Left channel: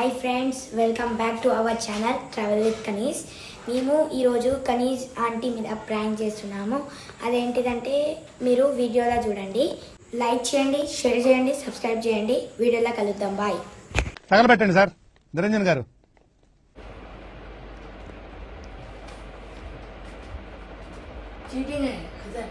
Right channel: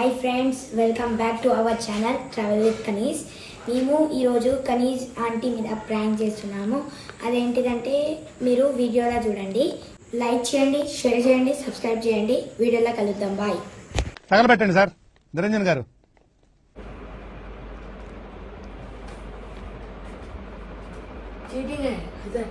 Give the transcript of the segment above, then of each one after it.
Hi friends, welcome back to our channel travel with Kaneez. మేము ఈరోజు Kaneez aunty మీద prank చేస్తున్నాము. అదేంటిదంటే మీరు వీడియోలో చూడండి. లైక్ చేయండి, షేర్ చేయండి, సబ్స్క్రైబ్ చేయండి. వీడియోలో కలుద్దాం. బాయ్. తగలబెట్టండి సార్ నిరంజన్ గారు. चीटिंग है इधर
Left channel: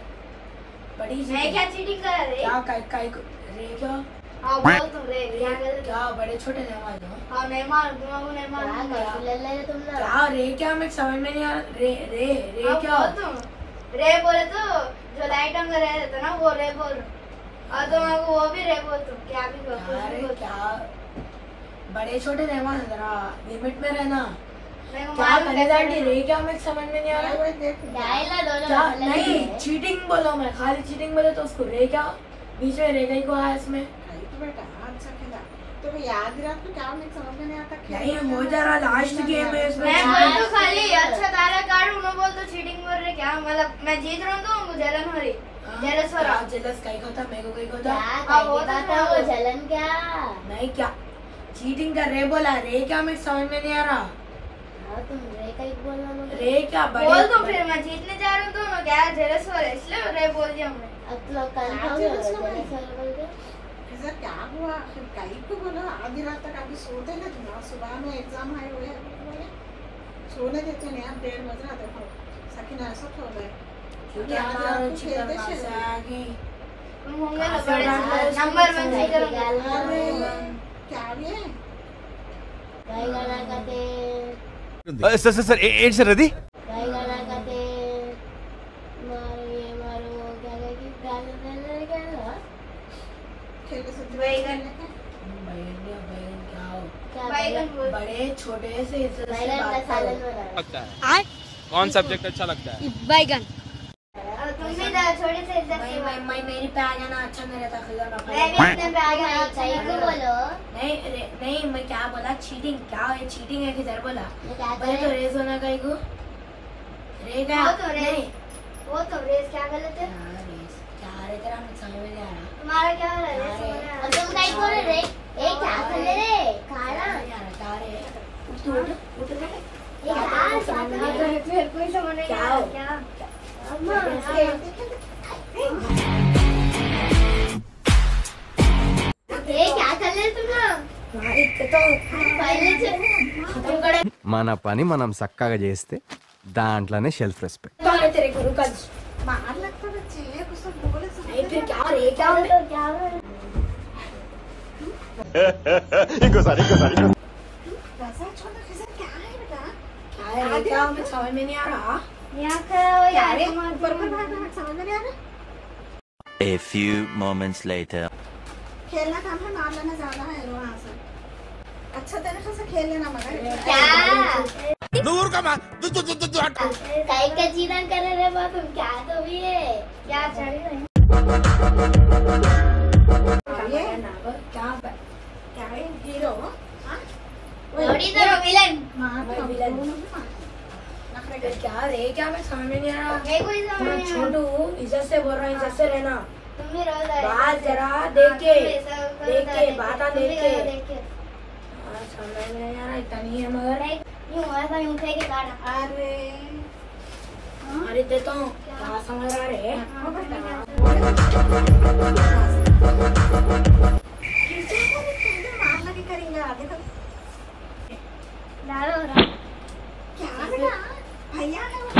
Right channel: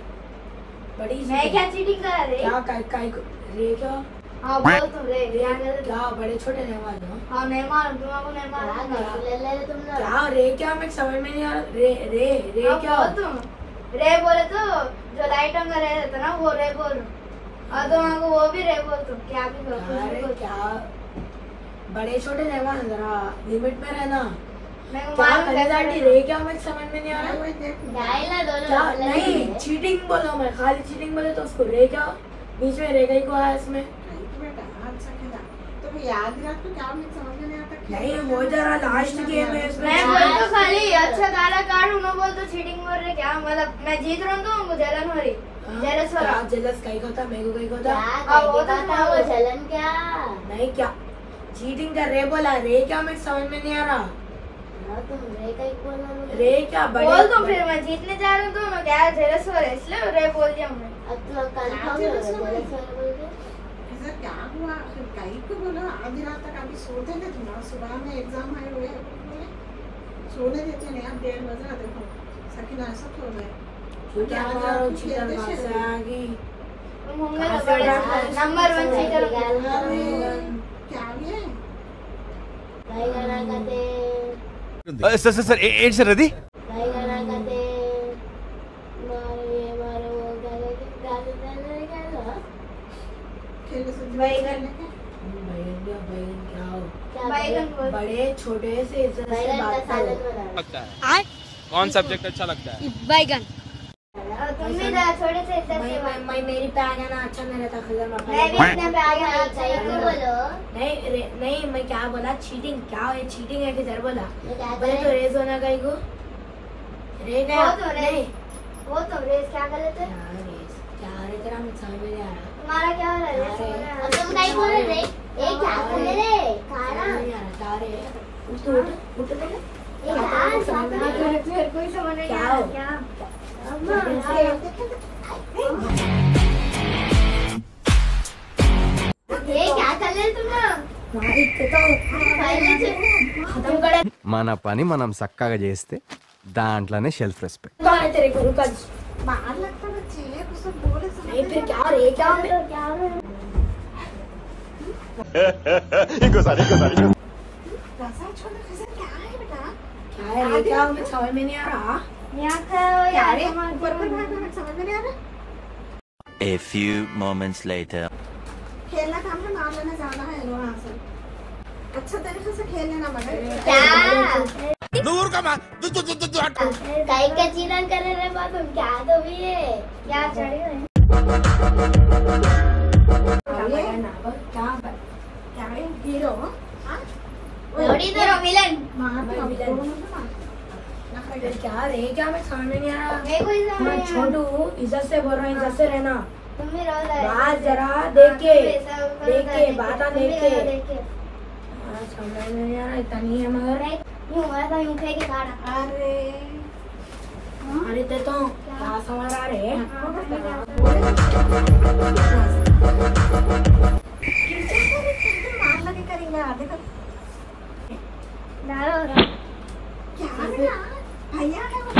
बड़ी मैं क्या चीटिंग कर रही? क्या काय को रे क्या? हाँ बोल तुम रे क्या कर रहे? क्या बड़े छोटे नहीं वाले हो? हाँ नहीं मालूम तुमको नहीं मालूम ले ले तुम ना क्या रे क्या मैं समझ में नहीं आ रहा. रे रे रे क्या? बोल तुम रे बोले तो जो लाइट में रह रहता ना वो रे बोल और तुम हमको वो भी रे बोल तुम क्या भी बोल अरे क्या बड़े छोटे नहीं वाले, जरा लिमिट में रहना. नहीं क्या कनेदांडी रे क्या मैं समझ में नहीं आ रहा. डायला क्या दोनों नहीं चीटिंग बोलो, मैं खाली चीटिंग बोले तो उसको रे क्या बीच में रे गई को आया इसमें. तो याद रख तो क्या मुझे समझ में नहीं आता. नहीं वो जरा लास्ट गेम है इसमें. मैं बोल तो खाली अच्छा गाना काट उन्होंने बोल तो चीटिंग बोल रहे क्या मतलब मैं जीत रहा हूँ तो हमको जलन हो रही जेलस हो रहा. जेलस कहीं को था, मेरे को कहीं को था. वो जलन क्या नहीं क्या चीटिंग कर रे बोला. रे क्या मैं समझ में नहीं आ रहा. तुम रे का ही बोलना रे क्या बड़े बोल तुम फिर मैं जीतने जा रहा हूँ तो मैं क्या जेलस हो रहा है इसलिए रे बोल दिया मैं. अब तो कंफर्म जेलस हो बोल के ऐसा क्या हुआ कहीं को बोला. आधी रात तक अभी सोते ना तुम, सुबह में एग्जाम आए हुए बोले सोने देते नहीं. आप 1:30 बजे देखो सकीना ऐसा हो गया. क्या मारो चीटिंग कैसे आएगी. होंगे तो बड़े नंबर 1 चीटर क्या ये भाई गाना गाते సార్ ఏంటి సార్ అది? भाई गाना गाते मारो ये मारो वो गाना के गाने गाने गाना खेल से बैगन बैगन क्या हो. क्या बैगन बड़े छोटे से इज्जत से बैगन का बात सालन करो. बना लगता है कौन सब्जेक्ट अच्छा लगता है? बैगन. तुम भी ना थोड़े से इज्जत से बात मैं मेरी पे आ जाना अच्छा नहीं रहता. खजाना मैं भी अपने पे आ गया सही को बोलो नहीं मैं क्या बोला चीटिंग. क्या है चीटिंग है किधर बोला. मैं क्या बोले तो रेस होना कहीं को रे क्या वो तो रेस क्या कर लेते क्या रे तेरा मुझे समझ में नहीं आ रहा. तुम्हारा क्या हो रहा है रेस हो रहा है. तुम नहीं बोल रहे ए क्या कर ले रे खाना क्या रे उठ उठ रे. ये क्या समझ में नहीं आ रहा. कोई समझ नहीं आ रहा क्या अम्मा ये क्या कर ले तुम पहले से खत्म करे మన పని మనం చక్కగా చేస్తే దాంట్లోనే సెల్ఫ్ రెస్పెక్ట్. तो अरे तेरे गुरु का बाहर लगता बच्चे कुछ तो बोले सब नहीं फिर क्या रे क्या तो क्या हो रहा ఇంకోసారి कैसा छोटा कैसा क्या है बेटा. क्या है रे क्या मुझे समझ में नहीं आ रहा. है यहाँ खड़ा हो क्या यार रे ऊपर पर भाग समझ में नहीं आ रहा. A few moments later. खेलना काम है नाम लेना ज्यादा है वहाँ से. अच्छा तरीके से खेल लेना मगर क्या दूर का मार काई का चीरन कर रहे बात तुम क्या तो भी है क्या चढ़ी हुई क्या क्या है हीरो. थोड़ी तो विलन क्या रे क्या मैं समझ में नहीं आ रहा. ये कोई समझ मैं नहीं छोटू इज्जत से बोल रहा हूँ. इज्जत से रहना. तुम भी रोज बात जरा देख के बात देख के समझ में नहीं आ रहा. इतना नहीं है मगर यूं ऐसा यूं थे के गाना अरे अरे देता हूँ क्या समझ रहा रे. मार लगे करेंगे देखो डालो रहा क्या बेटा भैया है वो.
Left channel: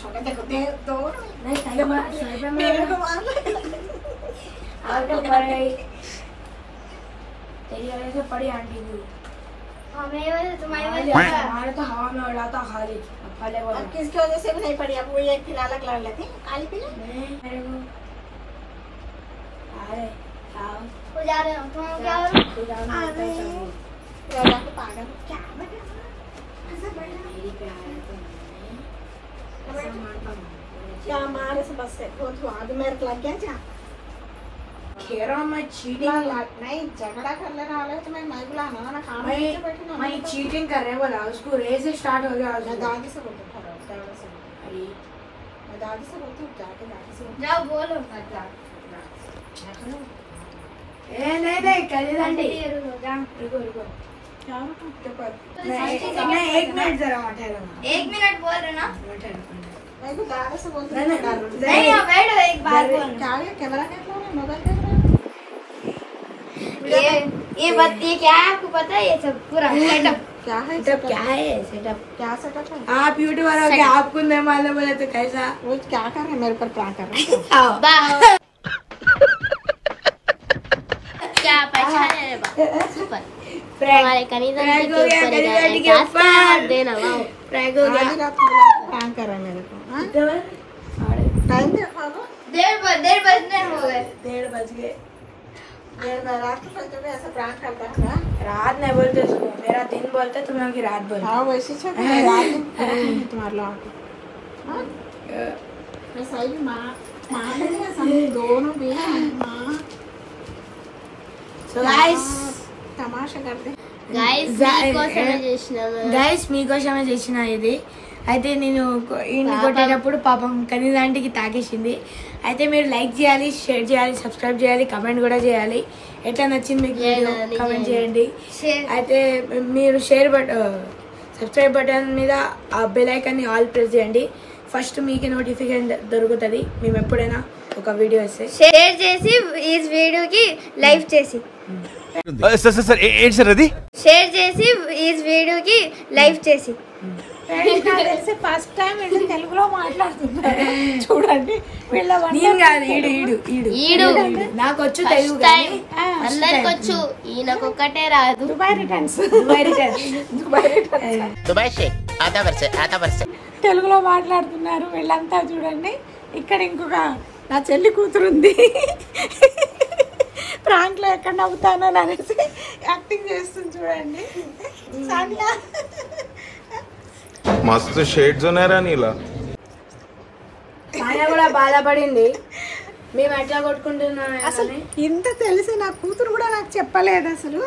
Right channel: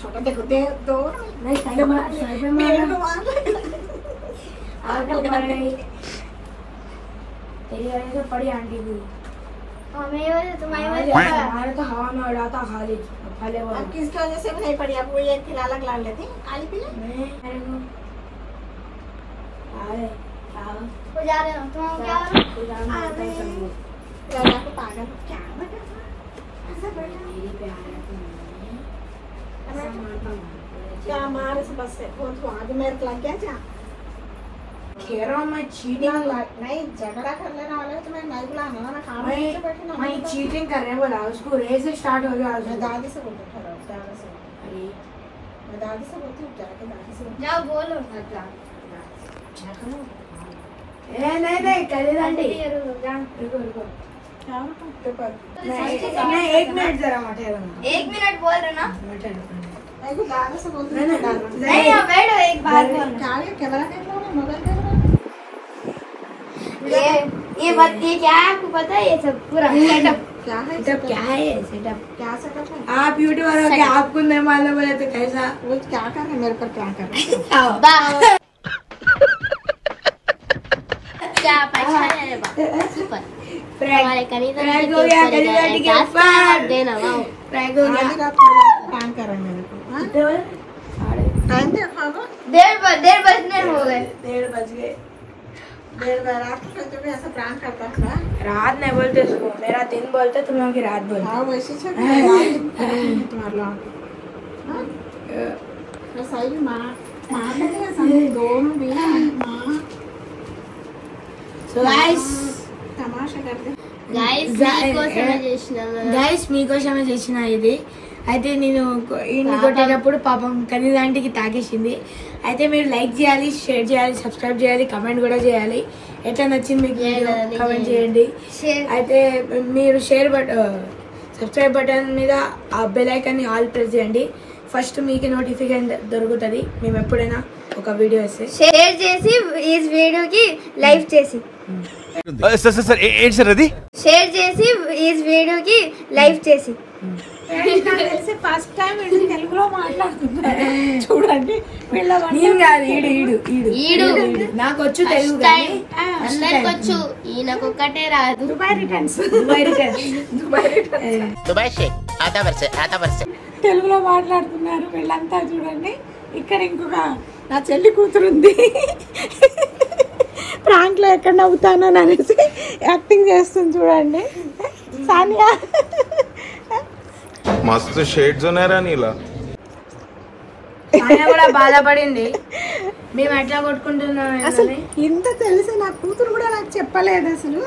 छोटा देखो दे दो नहीं सही पे मेरे मार को मार लगे. आगे पड़ गई. तेरी वजह से पड़ी आंटी भी. हमें ये तुम्हारी वजह हमारे तो हवा में उड़ाता खाली फले अब किसकी वजह से भी नहीं पड़ी. अब वो ये फिर अलग लड़ लेती खाली पीले. मेरे को अरे क्या हो जा रहे हो तुम क्या हो अरे लोगों को पागल क्या बेटा ऐसा बैठा मेरी पे आ रहा है तो मारता हूँ. क्या मारे से बस वो तो आगे मेरे को लग गया जा. खेल रहा हूँ मैं चीटिंग. नहीं झगड़ा कर लेना वाला है तो मैं बुलाना ना काम मैं से बैठी ना. मैं चीटिंग कर रहे हैं बोला. उसको रेस स्टार्ट हो गया. मैं दादी से बोलती हूँ दादी से. अरे मैं दादी से बोलती हूँ जाके दादी से जाओ बोलो नहीं नहीं करेदांडी. रुको रुको रुको एक मिनट जरा मत है 1 मिनट बोल रहे ना मैं को ज्यादा से बोल नहीं बैठो एक बार बोल क्या है कैमरा कैमरा मोबाइल कैमरा ये बात ये क्या है आपको पता है ये सब पूरा सेटअप क्या है सेटअप क्या है सेटअप क्या सेटअप है आप यूट्यूबर हो क्या आपको नहीं मालूम बोले तो कैसा वो क्या कर रहे हैं मेरे पर प्रैंक कर रहे हैं क्या पहचाने रे बा सुपर प्रैंक हमारे कनीज प्रैंक हो गया कनीज आंटी के ऊपर देना वाओ प्रैंक हो गया आधी रात को प्रैंक कर रहे हैं मेरे को हाँ टाइम देखो 1:30 बजने हो गए 1:30 बज गए देर में रात को सोते हुए ऐसा प्रैंक करता है रात नहीं बोलते उसको मेरा दिन बोलते तुम लोग की रात बोलते हाँ वैसे से तुम्हारे लोग मैं सही माँ माँ नहीं समझ दोनों भी माँ సో గైస్ तमाशा करते గైస్ మీకోసమే చేసిన ఇది అయితే నేను ఈయన్ని కొట్టేటప్పుడు పాపం కనీదాంటికి తాకేసింది అయితే మీరు లైక్ చేయాలి షేర్ చేయాలి సబ్స్క్రైబ్ చేయాలి కమెంట్ కూడా చేయాలి ఎట్లా నచ్చింది మీకు వీడియో కమెంట్ చేయండి అయితే మీరు సబ్స్క్రైబ్ బటన్ మీద ఆ బెల్ ఐకాన్ ని ఆల్ ప్రెస్ చేయండి ఫస్ట్ మీకు నోటిఫికేషన్ దొరుకుతుంది మేము ఎప్పుడైనా ఒక వీడియో వస్తే షేర్ చేసి ఈ వీడియోకి లైక్ చేసి సార్ సార్ సార్ ఏంటి సార్ అది షేర్ చేసి ఈ వీడియోకి లైక్ చేసి తెలిసి ఫస్ట్ టైం వీళ్ళు తెలుగులో మాట్లాడుతున్నారు చూడండి వీళ్ళ నేను కాదు ఈడు నాకు వచ్చు తెలుగు కానీ అందరికి వచ్చు ఈయనకొక్కటే రాదు దుబాయ్ రిటర్న్స్ దుబాయ్ షేక్ ఆతా వర్షే తెలుగులో మాట్లాడుతున్నారు వీళ్ళంతా చూడండి ఇక్కడ ఇంకొక నా చెల్లి కూతురుంది ప్రాంక్ లో ఎక్కడ నవ్వుతాను అనేసి యాక్టింగ్ చేస్తుంది చూడండి సానియా मस्त शेड्स ఉన్నాయరా నీలా ఆయన కూడా బాధపడింది మేము ఎట్లా కొట్టుకుంటున్నాం అసలు ఇంత తెలిసి నా కూతురు కూడా నాకు చెప్పలేదు అసలు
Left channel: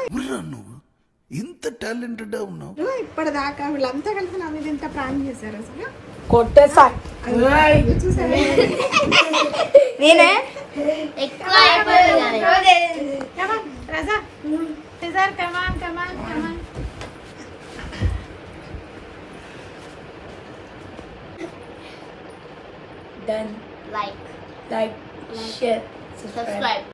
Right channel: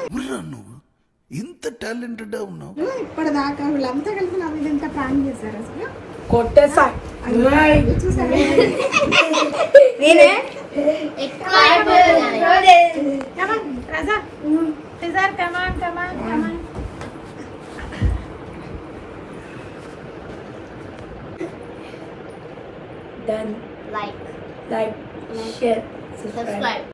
ఇంత టాలెంటెడ్ ఉన్నావు ఇప్పటిదాకా వీళ్ళంతా కలిసి నా మీద ఎంత ప్రాంక్ చేశారు అసలు కొట్టేసా చూసారా నేనే ఎక్కువ అయిపోయింది కమాన్ రాజా సిజర్ కమాన్ కమాన్ కమాన్ done like like share subscribe subscribe